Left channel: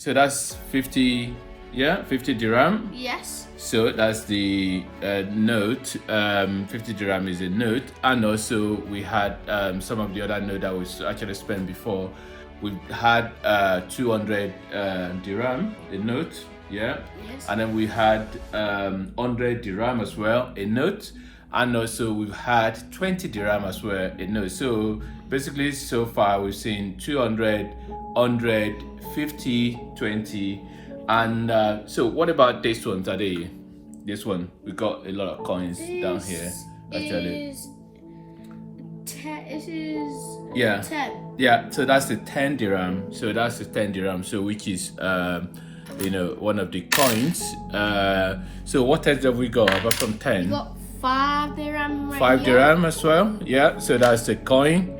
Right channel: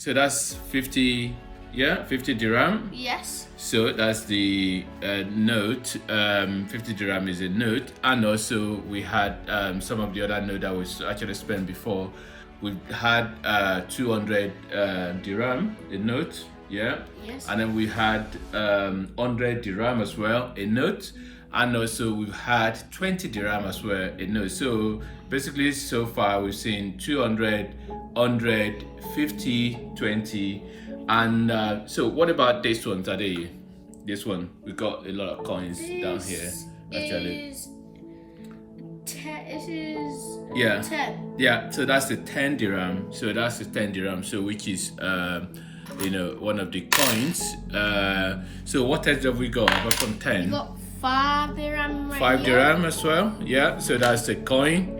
So that's 50, yeah, 50 dirham. Yes. So that's the note. 50 dirham is a note, and also we had some of the other note that was actually spent before. We had 200 dirham, a note, yeah. Yes. And then we had 100 dirham as well, a note, and also we've had 20 dirham as well, a note. So basically, so far we've seen 200, 100, 50, 20. And so what about this one today? This one, we got a lot of coins down here actually. It is Yeah. 10. Yeah, so that's the 10 dirham. So that's the 10 dirham. So which is one of the coins. So what else have we got apart from 10? We got 5 dirham right 5 here. dirham as well. Yeah, so that's the coin.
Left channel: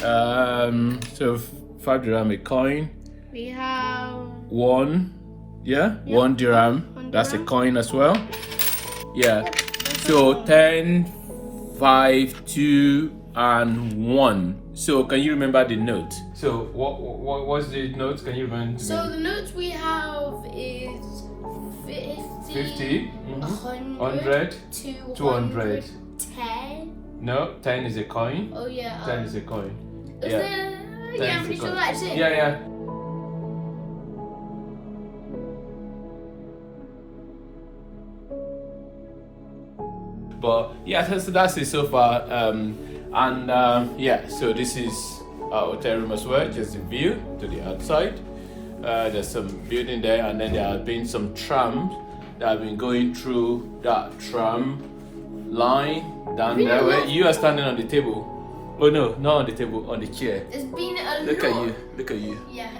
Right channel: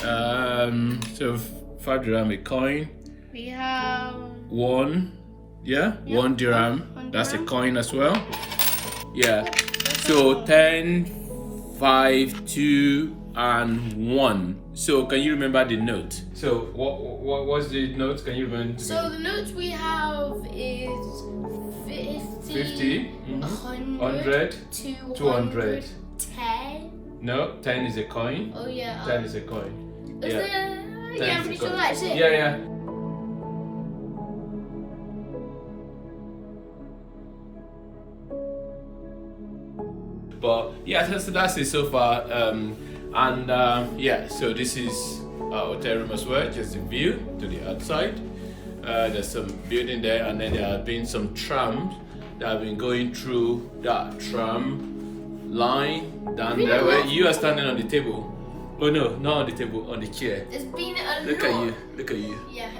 So 5 dirham a coin. We have 1. Yeah, Yep, 1 dirham. one That's a dirham. coin as well. Yeah. Yep, that's So all. 10, 5, 2, and 1. So can you remember the note? So what was the note? Can you remember? To So me? the notes we have is 50, 50, 100, 200. 200, 10. No, 10 is a coin. Oh yeah. 10 is a coin. Is Yeah. there? 10 Yeah, I'm is a pretty sure coin. that's it. Yeah, yeah. But yeah, so that's it so far. Yeah, so this is our hotel room as well, just the view to the outside. There's some building there, and then there have been some trams that have been going through that tram line down there where you are standing on the table. Oh no, not on the table, on the chair. There's been a Look lot. at you, look at you. Yeah.